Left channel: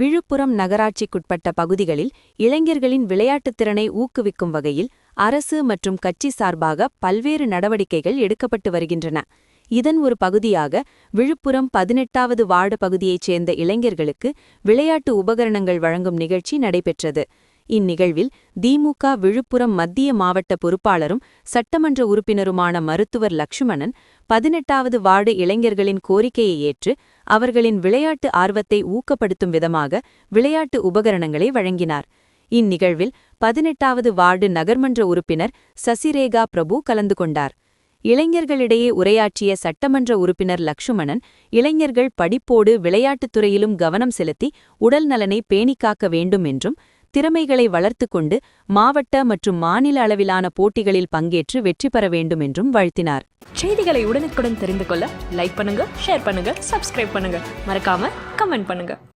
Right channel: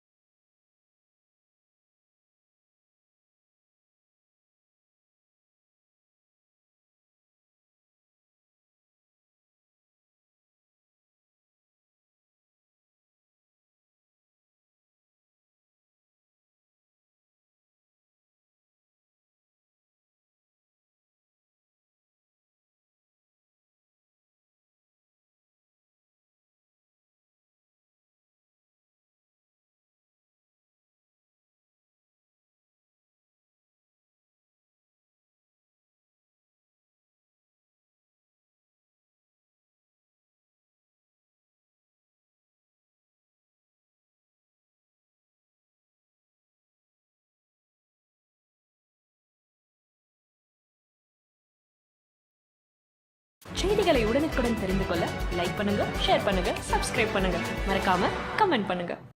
விழுப்புரம் நகராட்சிக்குட்பட்ட பகுதிகளில் இளைஞர்களின் விளையாட்டுத் திறனை ஊக்குவிக்கும் வகையில் அரசு மற்றும் கட்சி சார்பாக பல்வேறு நடவடிக்கைகள் எடுக்கப்பட்டு வருகின்றன. இதன் ஒரு பகுதியாக விழுப்புரம் பதினெட்டாவது வார்டு பகுதியைச் சேர்ந்த இளைஞர்களுக்கு விளையாட்டு உபகரணங்கள் வழங்கும் நிகழ்ச்சி நடைபெற்றது. இந்நிகழ்வில் திமுக விழுப்புரம் மத்திய மாவட்ட பொறுப்பாளரும் சட்டமன்ற உறுப்பினருமான மருத்துவர் லக்ஷ்மணன் பதினெட்டாவது வார்டு இளைஞர்களின் கோரிக்கையை ஏற்று அவர்களின் விளையாட்டு ஆர்வத்தை ஊக்கப்படுத்தும் விதமாக விளையாட்டு உபகரணங்களை வழங்கினார். இந்நிகழ்வில் பதினெட்டாவது வார்டு நகர்மன்ற உறுப்பினர் சசிரேகா பிரபு கலந்து கொண்டார். இளைஞர்களிடையே உரையாற்றிய சட்டமன்ற உறுப்பினர் லக்ஷ்மணன் இளைஞர்கள் படிப்போடு விளையாட்டுத் துறையிலும் கவனம் செலுத்தி உடல் நலனை பேணிக்காக்க வேண்டும் என்றும் திறமைகளை வளர்த்து கொண்டு மாவட்ட மற்றும் மாநில அளவிலான போட்டிகளில் பங்கேற்று வெற்றி பெற வேண்டும் என்றும் வாழ்த்தினார். செய்திகளை உடனுக்குடன் தெரிந்து கொள்ள லைக் பண்ணுங்க ஷேர் பண்ணுங்க சப்ஸ்கிரைப் பண்ணுங்க. மறக்காம கமெண்ட் பண்ணுங்க.